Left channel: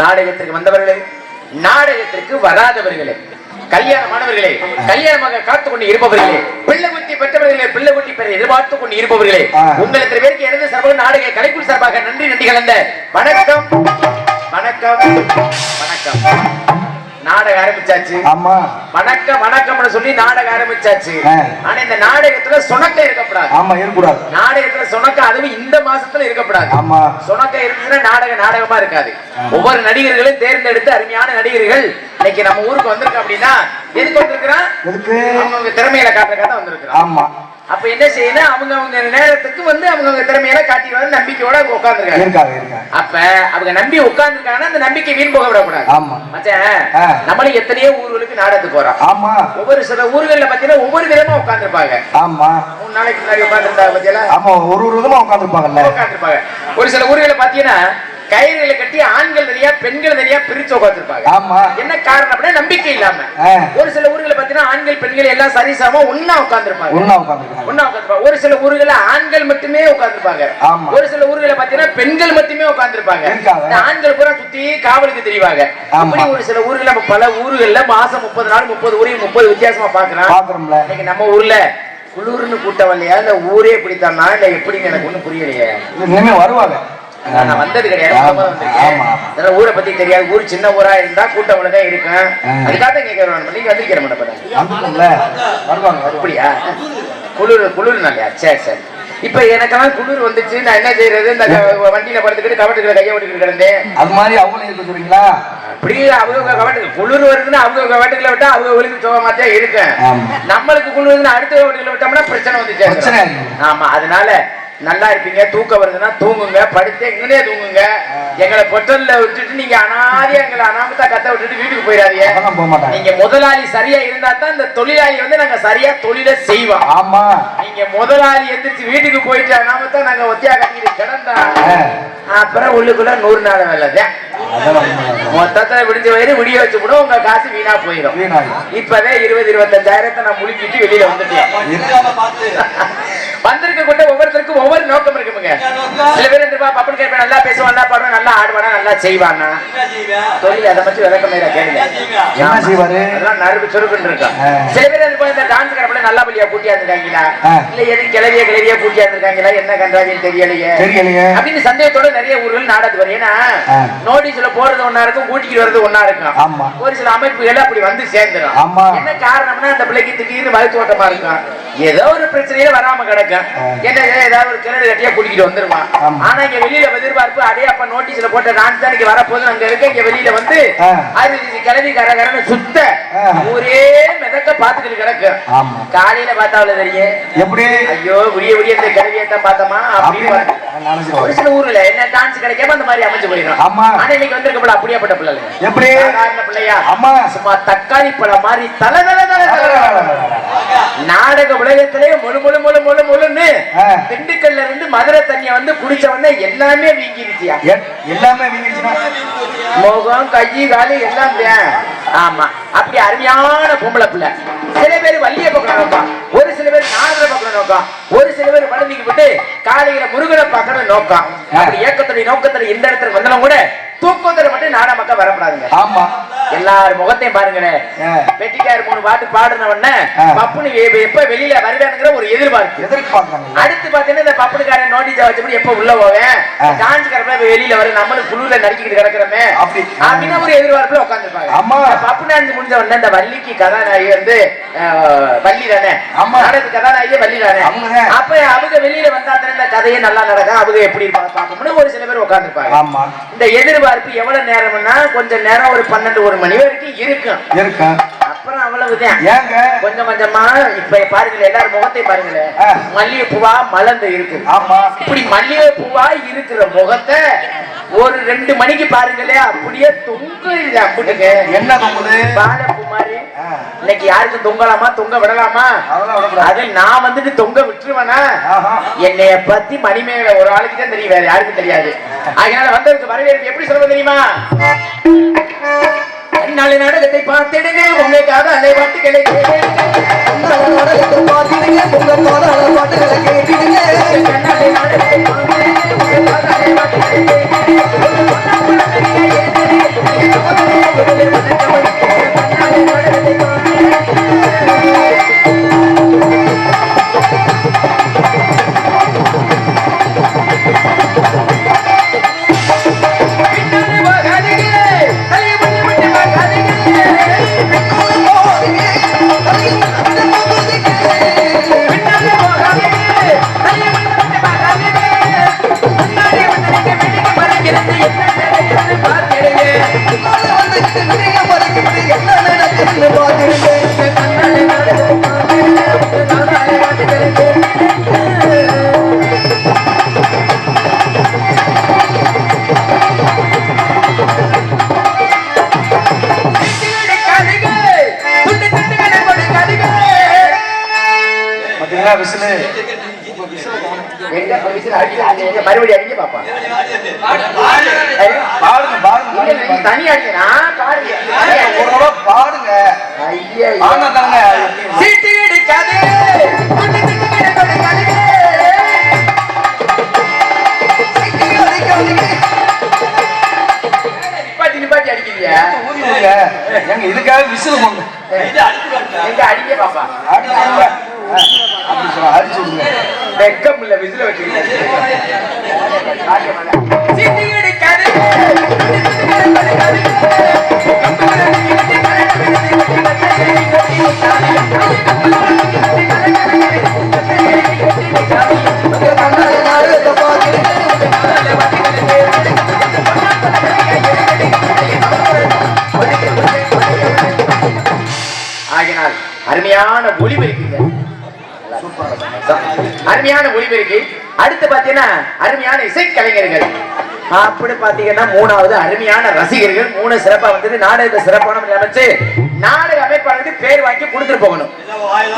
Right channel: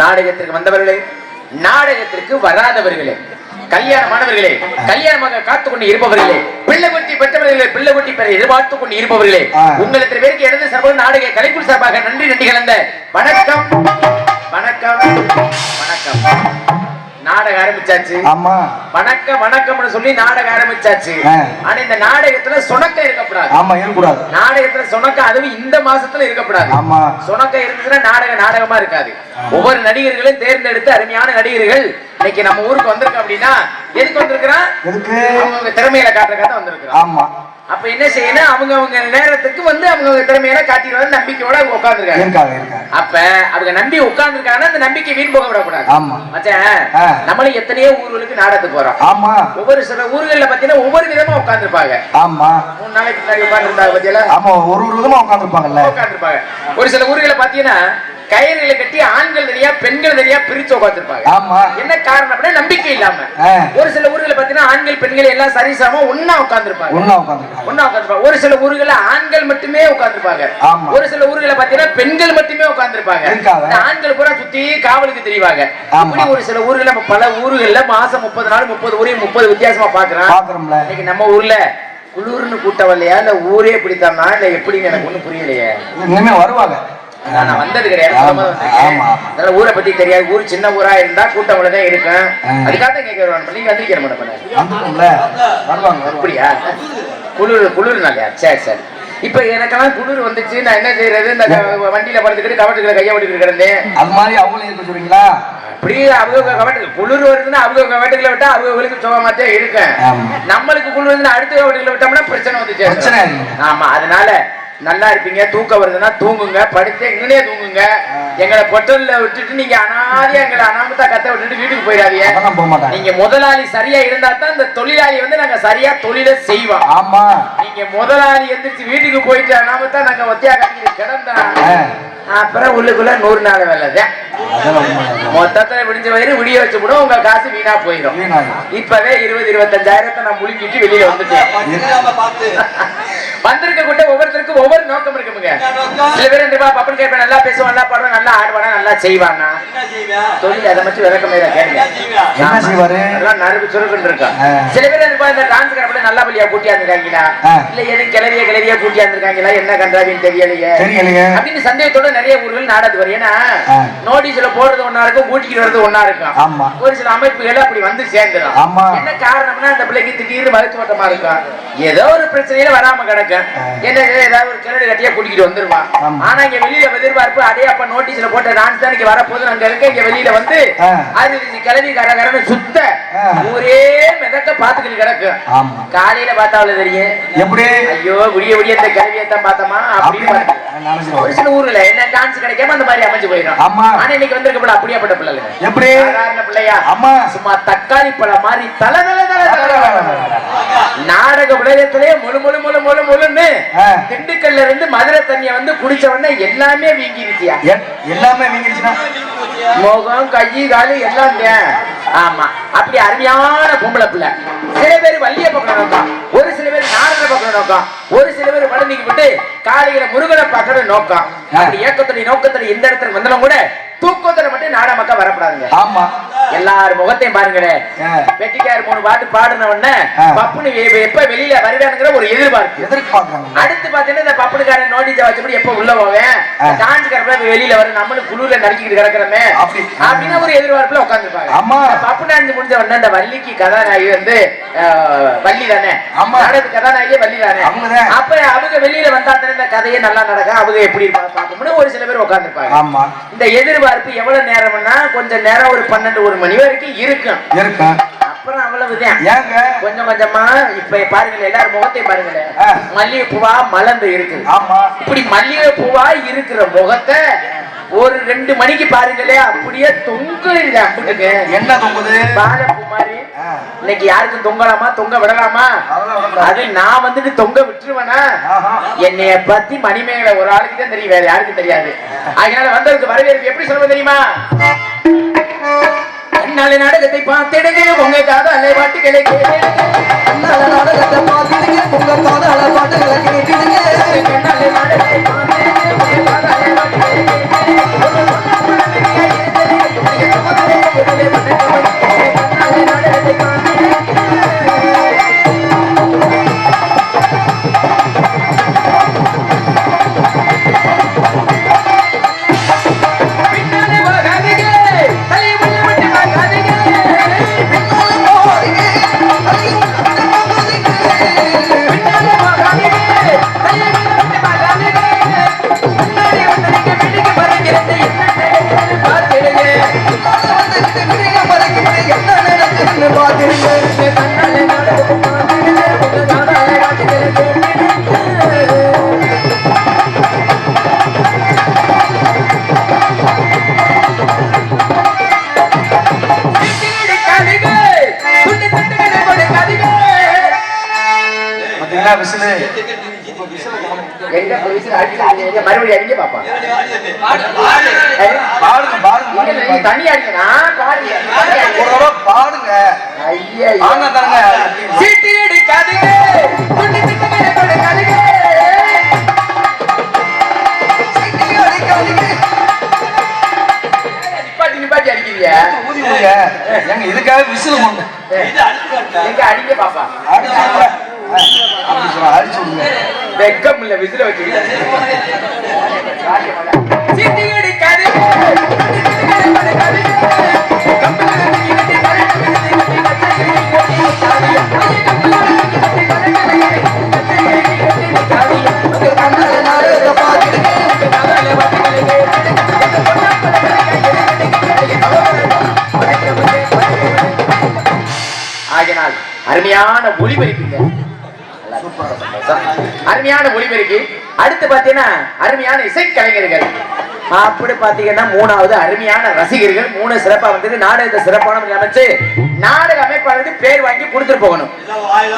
நாடகத்திற்கு வந்தவர்களே, நாடகத்திற்கு வராதவர்களே, கல்யாணமானவர்களே, கல்யாணமாக காத்துக் கொண்டு இருப்பவர்களே, பிள்ளை குட்டி பெற்றவர்களே, பிள்ளை குட்டி பெற எதிர்பார்த்துக் கொண்டு இருப்பவர்களே, உங்களுக்கு பேருக்கு எனது சார்பாக நாடக கலைக்குழு சார்பாக நன்றி நன்றி கலந்த வணக்கம் வணக்கம் வணக்கம். நாடகம் ஆரம்பிச்சாச்சு. வணக்கம் வணக்கம்னு சொல்லி நாடகம் ஆரம்பிச்சாச்சு. ஆனா இந்த நாடகத்துல சொணக்கம் இருக்கக்கூடாது. நாடகத்துல சொணக்கம் அதுவும் இந்த மாசத்துல இருக்கக்கூடாது. சொணக்கம் இருந்துச்சுன்னா நாடகமா இருக்காது. ஒவ்வொரு நடிகர்களும் தேர்ந்தெடுத்து அருமையான நடிகர்கள் இன்னைக்கு நம்ம ஊருக்கு வந்திருக்கோம் அப்படின்னா எதுக்கு வந்திருக்கிறான்? அவங்க திறமையில காட்ட வந்திருக்கிறான். அப்ப என்ன செய்யணும்? அவங்க நேரத்துக்கு வந்து அவங்க திறமையில காட்டிடுவாங்க, நம்பிக்கையோட அவங்க உட்கார்ந்துருக்காங்க. அப்ப அவங்க நம்பி உட்கார்ந்துருக்காங்கன்னா அந்த நம்பிக்கை வீண் போக விடக்கூடாது. நம்மளும் எத்தனையோ ஊர்களுக்கு நாடகத்துக்கு போறோம். ஒவ்வொரு சில ஊர்கள்ல பாத்தீங்கன்னா ஒவ்வொரு விதமா உட்கார்ந்துருப்பாங்க. 3 நாளைக்கு முன்னாடி உட்கார்ந்துருந்தாங்க பத்தியா, ஒரு விதமா உட்கார்ந்துருப்பாங்க. ஒரு சில ஊர்களை பாத்தீங்கன்னா கயிறுகளை கட்டி ஆண்கள் தனியா பெண்கள் தனியா பிரிச்சு உட்காந்துருப்பாங்க. என்ன காரணம் அப்படின்னா நம்பிக்கை இல்லாம. ஒரு சில ஊர்களை பாத்தீங்கன்னா ஆண்கள் பெண்கள் எல்லாம் சரிசமா ஒன்னா உட்காந்துருப்பாங்க. ஒரு சில ஊர்களை ஆண்கள் மட்டுமே உட்காந்துருப்பாங்க. ஒரு சில ஊர்களை பாத்தீங்கன்னா பெண்கள் மட்டுமே உட்காந்துருப்பாங்க. ஆண்கள் பூரா சுத்தி காவலுக்கு தெரிவாங்க. இப்படி ஒரு சில ஊர்களை நம்ம பல ஊர்கள்ல மாசம் 30 நாள் 30 ஊரையும் 30 வித்தியாசமா பாக்குறோம். இன்னைக்கு நம்ம ஊர்ல குளூர்னு கூட்டம் இல்லையா, இந்த ஊரே பிடித்தானா இல்ல எப்படின்னு எனக்கு ஒண்ணும் புரியலையே. வருவாங்க, நான் வந்தது கிடையாது. ஊரை பத்தி தெரியாது. ஊர் சின்ன ஊரா இருந்தா கூட்டம் அவ்வளவுதான் இருக்கும். அதுக்காக கேட்க நீங்க வந்திருக்கிற அப்படியா? குளிர் நாளையா? சரி சரி. இப்ப எனக்கெல்லாம் குளிர் வந்துச்சு, நான் என்ன செய்யறது? இந்த வண்டியில படுத்துக்கிட்டு கவட்டுக்கிற கையை விட்டுக்கிட்டு கிடந்தேன். அது மாதிரி அவங்களும் சொல்றீங்களா? அப்படியே அவங்க கவட்டுக்கு குளிர் வருதுன்னா அவங்க கவட்டுகளை விட்டா அவங்களுக்கு சுகமாத்தான் இருக்கேன். நம்மளுக்கு குளிர் வருதுன்னா அடுத்த கவட்டுகளை விட்டோம்னா பிரச்சனை வந்துச்சு. ஆமா, அதனால நல்லா இருப்பீங்க. தூக்கம் வருதுன்னா தூங்குங்க, படுத்து எங்கனே தூங்குங்க. எங்களை பொட்டல்ல விட்டுட்டு நீங்க அனாதியா எங்களை அனாமத்தா கத்த விட்டுட்டு வீட்டுக்கு போயிடாதீங்க. நீங்க முதலாளி சரியா இருந்தா தான் இந்த தொழிலாளி வந்து நாங்க சரியா தொழிலை செய்வோம். ஆமா, நீங்க முதலாளி எந்திரிச்சு வீட்டுக்கு போயிட்டு அனாமத்தா நாங்க ஒத்தியா கட்டிட்டு கிடந்தா அப்புறம் உள்ளுக்குள்ள 100 நாள் வேலை. மொத்தத்தை விடிஞ்ச வயிறு விடிய வச்சு கூட உங்க காசு வீணா போயிடும். இப்பவே 20-25,000 நான் முழுங்கிட்டு வெளியில வந்துட்டேன். வந்திருக்க கூட ஒவ்வொருத்தருக்கும் ஒவ்வொரு நோக்கம் இருக்குங்க. சில பேர் இந்த பப்பன் கேட்பேன், நல்லா பேசுவான், நல்லா பாடுவான், நல்லா ஆடுவானா, நல்லா செய்வானா, தொழில் அதை மட்டும் விளக்கமே கேளுங்க. என்ன செய்வாரு எல்லாம் நறுக்கு சுருக்குன்னு இருக்கா. சில பேர் இந்த டான்ஸ் கடப்பட நல்லா பள்ளியா கூட்டியா இருந்திருக்காங்களா, இல்ல எதுவும் கிளவியா கூட்டியா இருந்திருக்காங்களா, என்ன கண்டாவின்னு தெரியலையே அப்படின்னு சந்தேகத்தோட நிறைய ஊர்கள் நாடகத்துக்கு வரும். ஏன்னா நோட்டீஸ்ல போறது ஒன்னா இருக்கும், கூட்டிட்டு வர்றது ஒன்னா இருக்கும். ஒரு சில அமைப்புகள் அப்படி வந்து சேர்ந்துடும். என்ன காரணம்னா அந்த பிள்ளைக்கு திடீர்னு வகுத்து ஓட்டமா இருக்கும், ஏதோ ஒரு பிரச்சனையில வராம கிடக்கும். என்ன ஏதாவது ஒரு கிணறு கட்டியா கூட்டிட்டு வந்துருவான். ஆனா இங்க வெளியில எதிர்பார்ப்பு அதே அப்ப நோட்டீஸ்ல போட்ட டான்ஸ் தான் இங்க வரப்போது அங்க இருக்க. இங்க வெளியில வந்து அது கிளவி கரகரன்னு சுத்த ஒரே மிதக்க பாத்துக்கிட்டு கிடக்கு. காலையில பார்த்தாவில தெரியும் எப்படி, ஐயோ விடிய விடிய இந்த கிளவியத்தான் பார்த்தோமா அப்படின்னு. ஒரு சில ஊர்ல என்ன டான்ஸ் கிடைக்காம அந்த மாதிரி அமைச்சு போயிடும். ஆனா இன்னைக்கு வந்திருக்க பிள்ளை அப்படியாப்பட்ட பிள்ளை எப்படி சாதாரண பிள்ளையா, சும்மா தக்காளி பழம் மாதிரி தலை தலை தலை தலை நாடக உலகத்திலே முழு முழு முழு முழு முழுன்னு திண்டுக்கல்ல இருந்து மதுரை தண்ணிய வந்து குடிச்சவன எல்லாமே வீங்கிருச்சியா, எல்லாமே வீங்கிருச்சுன்னா முகம் கை காலு எல்லாம். ஆமா அப்படி அருமையான பொம்பளை பிள்ளை. சில பேர் வள்ளிய பக்கம் நோக்கம், ஒரு சில பேர் நாரத பக்கம் நோக்கம், ஒரு சில பேர் வளர்ந்துக்கு விட்டு காலையில முருகனை பார்க்கணும் நோக்கம். அப்படி ஏக்கத்துடைய நோக்கத்துல இந்த இடத்துல வந்தாலும் கூட தூக்கத்துல மட்டும் நாட மக்கள் வரப்படாதுங்க. எல்லாரும் முகத்தையும் பாருங்களேன். வெட்டிக்கார் 3 பாட்டு பாடுனவன பப்புனு எப்ப வெளியில வருவானுங்கிற ஒரு எதிர்பார்ப்பு. அடுத்து பாத்தீங்கன்னா இந்த பப்புனுக்காரன் நோட்டீஸ் வச்சபடி எப்ப உள்ள போவேன், டான்ஸ் கரப்ப வெளியில வரும், நம்மளும் குழுல நடிக்கிட்டு கிடக்கிறோமே அப்படின்னு ஒரு எதிர்பார்ப்புல உட்காந்துருப்பாங்க. பப்புனாந்து முடிஞ்ச உடனே இந்த வள்ளிக்கு கதாநாயகி வந்து வள்ளி தானே, நாடகத்து கதாநாயகியே வள்ளி தானே. அப்ப அவங்க வெளியில வந்தாத்தானே இந்த கதையே நல்லா நடக்கும், அவங்க எப்படி இருப்பாங்க பாப்போம்னு ஒரு சில பேர் உட்காந்துருப்பாங்க. இந்த எதிர்பார்ப்பு எவ்வளவு நேரம்னா கொஞ்சம் நேரம், ஒரு 12-1 மணி வரைக்கும் இருக்கும். அப்புறம் அவ்வளவுதான். கொஞ்சம் கொஞ்சமா இப்ப பாருங்களேன், எல்லாரும் முகத்தை பாருங்களேன், மல்லிகை பூவா மலர்ந்து இருக்கு. இப்படி மல்லிகை பூவா இருக்கிற முகத்தை ஒரு 2 மணிக்கு பாருங்களேன், அப்படியே தொங்கு அப்படிங்க. என்ன தொங்குது? பாலப்பூ மாதிரி. இன்னைக்கு யாருக்கும் தொங்கலாமா, தொங்க விடலாமா? அது நான் வந்துட்டு தொங்க விட்டுருவேனா? என்னைய பத்தி மணிமேகலை ஒரு ஆளுக்கு தான் தெரியும், வேற யாருக்கும் தெரியாது. அதனால வந்ததுக்கு வரவேற்பு எப்படி சொல்ல தெரியுமா? நாளை நாடகத்தை பார்த்திடுங்க, உங்க காதலை பாட்டுகளை கேட்டிடுங்க. நாடகத்தை பார்த்திடுங்க, உங்க காதலை பாட்டுகளை கேட்டிடுங்க. நாளை நாடகத்தை பார்த்திடுங்க, உங்க காதலை பாட்டுகளை கேட்டிடுங்க. மறுபடியும் அடிங்க பாப்பா, தனி அடிக்கா பாடுங்க. நிப்பாட்டி அடிக்கிறீங்க, இதுக்காக விசில் எங்க அடிக்க பாப்பா. வெக்கம் இல்ல, விசில வச்சு ஆகினால் அருமையான ஒளிபெருக்குங்க, அருமையான ஒளிபெருக்கி. அடுத்து பாத்தீங்கன்னா அருமையான இசைக்கலைஞர்கள். அப்படி பாத்தீங்கன்னா 3வது அருமையான ரசிகர்கள். 3 சிறப்பா வந்து நாடகத்தை சிறப்பான அமைச்சு நாடக அமைப்பாளருக்கு பேர் வாங்கி கொடுத்துட்டு போகணும்.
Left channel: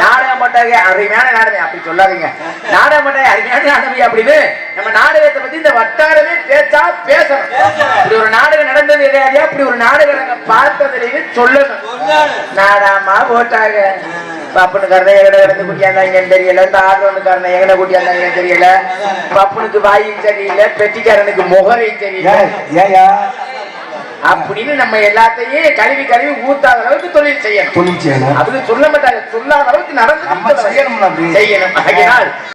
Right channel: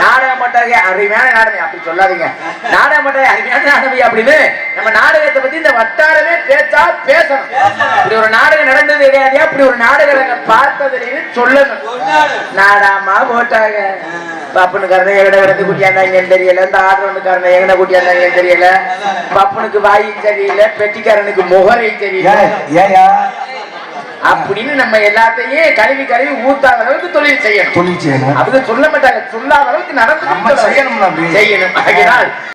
நாடகம் போட்டாங்க அருமையான நாடகம் அப்படி சொல்லாதீங்க, நாடகம் போட்டாங்க அருமையான நாடகம் அப்படின்னு நம்ம நாடகத்தை பத்தி இந்த வட்டாரமே பேச்சா பேசணும். இப்படி ஒரு நாடகம் நடந்தது சொன்னது எதையாதையா அப்படி ஒரு நாடகத்தை பார்த்ததுன்னு சொல்லணும். நாடாமா போட்டாங்க. பப்புனுக்காரன எங்கட கிடந்து குட்டியாந்தாங்கன்னு தெரியல, இந்த ஆட்டோனுக்காரன எங்கன குட்டியாந்தாங்கன்னு தெரியல, பப்புனுக்கு வாயும் தெரியல, பெட்டிக்காரனுக்கு முகரை தெரியல அப்படின்னு நம்ம எல்லாத்தையும் கழுவி கழுவி ஊத்தாத அளவுக்கு தொழில் செய்யணும். அப்படி சொல்ல மாட்டாங்க, சொல்லாத அளவுக்கு நடந்து செய்யணும்.